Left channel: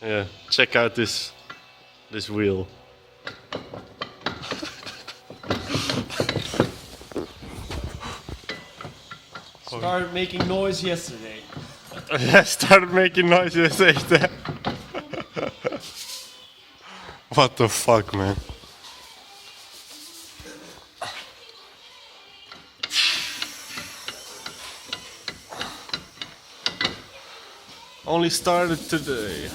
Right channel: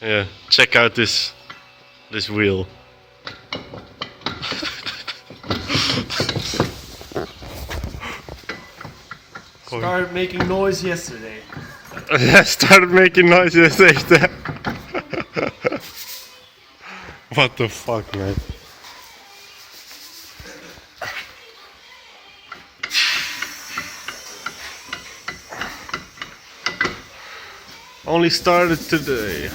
Yeah, check out this wheel. Started making noise yesterday. Yeah, started making noises yesterday. What the fuck, man? Only started today.